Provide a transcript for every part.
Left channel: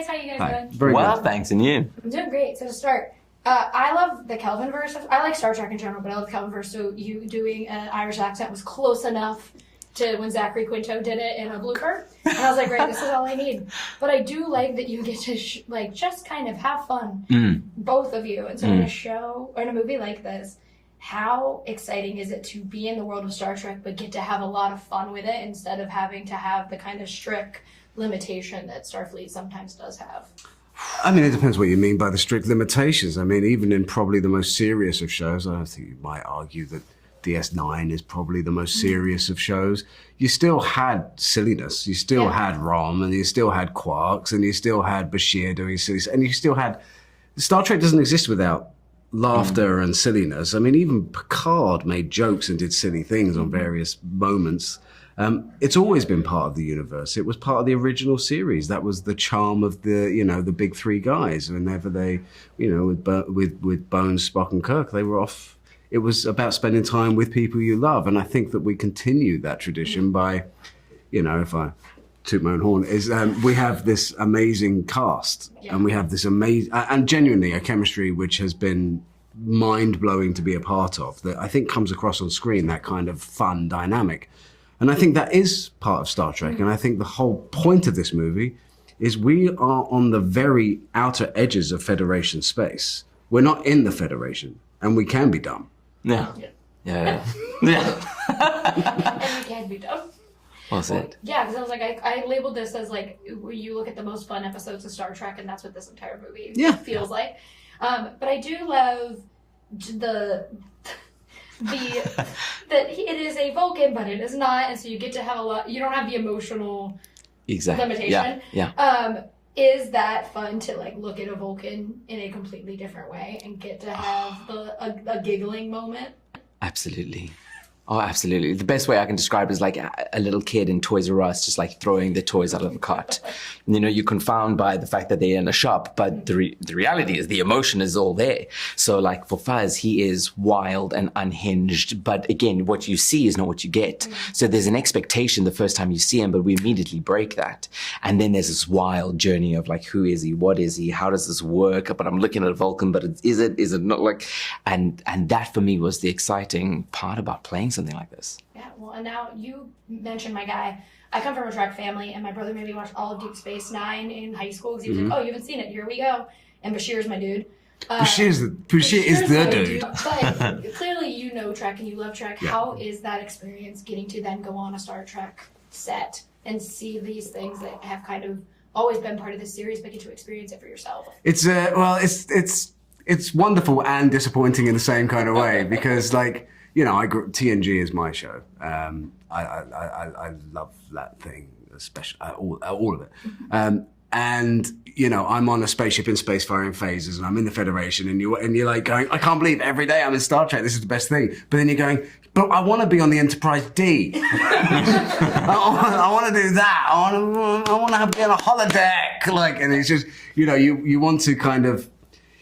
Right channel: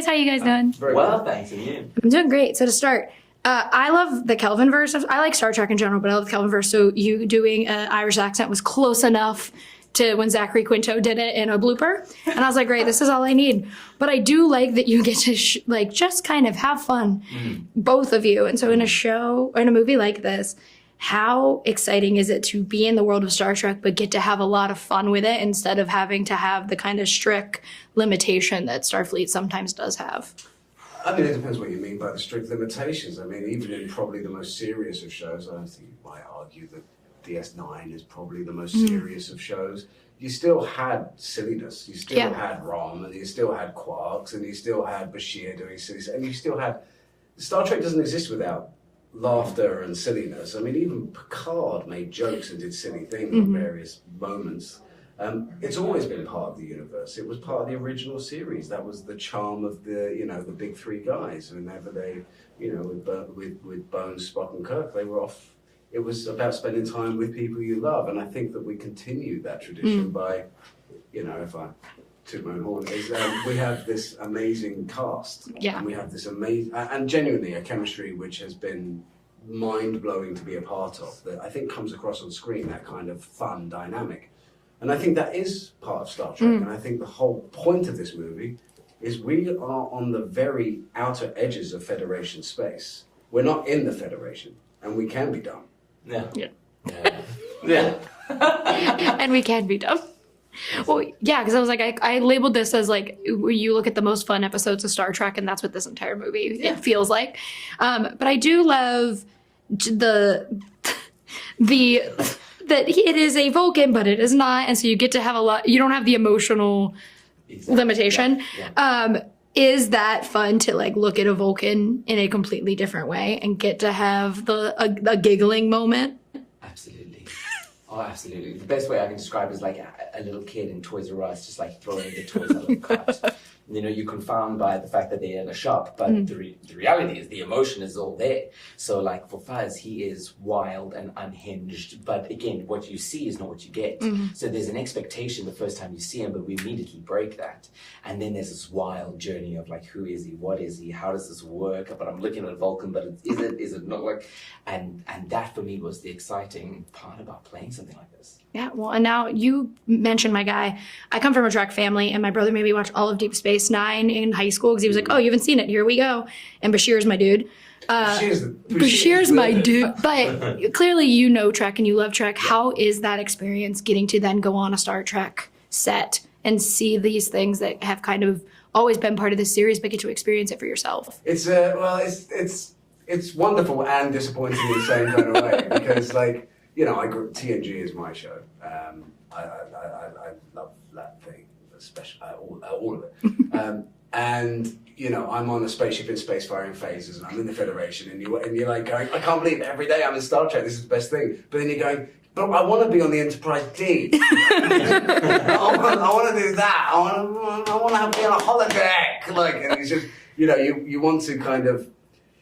guys. How you guys doing? Very well, thanks. And you? I'm doing great. So to start, I love the Kelvinverse. I like Star Trek in general, but I love the Kelvinverse. So you doing an Irish accent was close enough to when Zachary Quinto did it in a blooper. And I was like, great, this is all I need. But I do like that you get to just kind of have fun, both of you. And so in a show, or in a movie like this, how exciting is it to be in the world of Star Trek but get to have a lot of fun with it instead of having to have the kind of strict limitation that Starfleet sometimes does have? I mean, it depends what you mean by the strict limitations. I mean, even in probably the most serious of shows, I think you might argue that DS9 is probably the most serious of shows. You still had silliness. You still had Rom, and you still had Quarks, and you still had Bashir doing silly, and you still had... Star Trek doesn't exist without laughter and silliness. I mean, even Picard made jokes and did silly things on various moments. It's always been part of the universe. It was part of the original series. That was the charm of the, the big three guys. Whenever they, with Bones, Spock, and Kirk, they were off. It was about spending time with people you love, and I think that we continue that tradition by, if I toot my own horn, is we have this amazing cast, and we have this amazing, and genuinely a chemistry which has been mind-blowing to be a part of, that I think comes across on screen, that kind of fun dynamic. And I think that is part of Star Trek, and I think the whole point of this movie is we are on the very outer edges of Federation space. We're not in the Federation, and we can be dumb. Yeah. And we can be dumb. Well, yeah, because I was like, I labeled this as like, you look at the most fun episodes of Star Trek, and that's what this entire movie it feels like. But I do love that it is a Vulcan, but it is not, and so you get to have a lot. You don't have the emotional limitation. Is that fun to look at a Vulcan in a completely different way and get to have a giggling moment? Absolutely. Oh, absolutely. The best way I can describe it is like a little kid in Toys R Us, just like throwing the toys out of the cart. You're confounded by the fact that they're in a shop, but the reality is the emotion is all there. So like for Fuzz, he is wild and unhinged, but again, what you see is not what you get. So there's an expectation the first time you see him, but we immediately break that. And then there's this wild journey of like, who is he? What is he? How does this work? But I'm looking at Vulcan, but is it not like, and that for me was the exciting part about playing something like this. Yeah, well, and now you mentioned my guy. I come from a Trek family, and my brother made me watch all of Deep Space Nine in high school because he was like, oh, you haven't seen it, here we go. And Bashir's my dude. Bashir's my dude. But clearly you know Trek and you love Trek. Yeah. How is that experience getting to then go on a Star Trek set and see these things that have kind of always been part of the series, but get to experience it for yourself? It's it's wonderful and disappointing in the same kind of way because TNG is my show. I love that thing, especially all of it. And I'm on a spaceship in spacefaring phases, and I'm in the Federation, and you're like going, I can't believe every day I'm in Star Trek. This is the best thing. But then you're going, but I want to be on the Enterprise D. I want to do that. I want to have be on a holodeck. And it's just you want to kind of.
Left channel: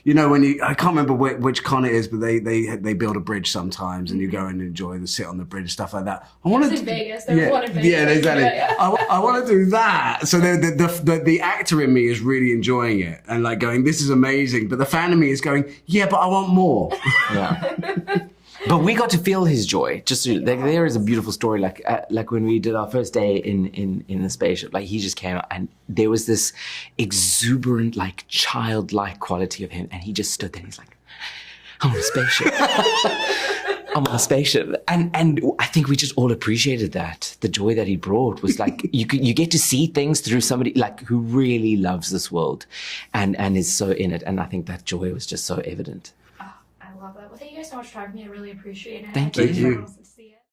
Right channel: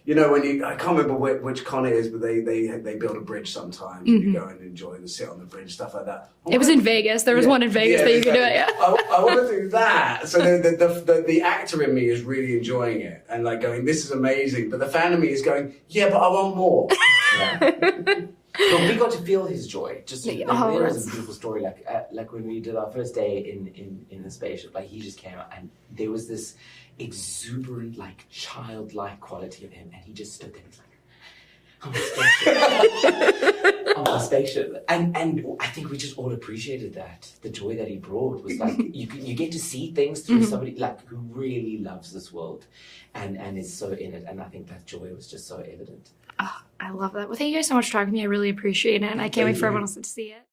I can't remember which con it is, but they build a bridge sometimes, and you go and enjoy and sit on the bridge, stuff like that. It was in Vegas. There was one in Vegas. Yeah, exactly. I want to do that. So the actor in me is really enjoying it and like going, this is amazing. But the fan in me is going, yeah, but I want more. But we got to feel his joy. There is a beautiful story. Like when we did our first day in the spaceship, like he just came out and there was this exuberant, like childlike quality of him, and he just stood there and he's like, I'm on a spaceship. I'm on a spaceship. And I think we just all appreciated that. The joy that he brought was like, you get to see things through somebody like who really loves this world and is so in it. And I think that joy was just so evident. I love that. Well, thank you guys so much for talking to me. I really appreciate it. I can't wait for everyone else to see it.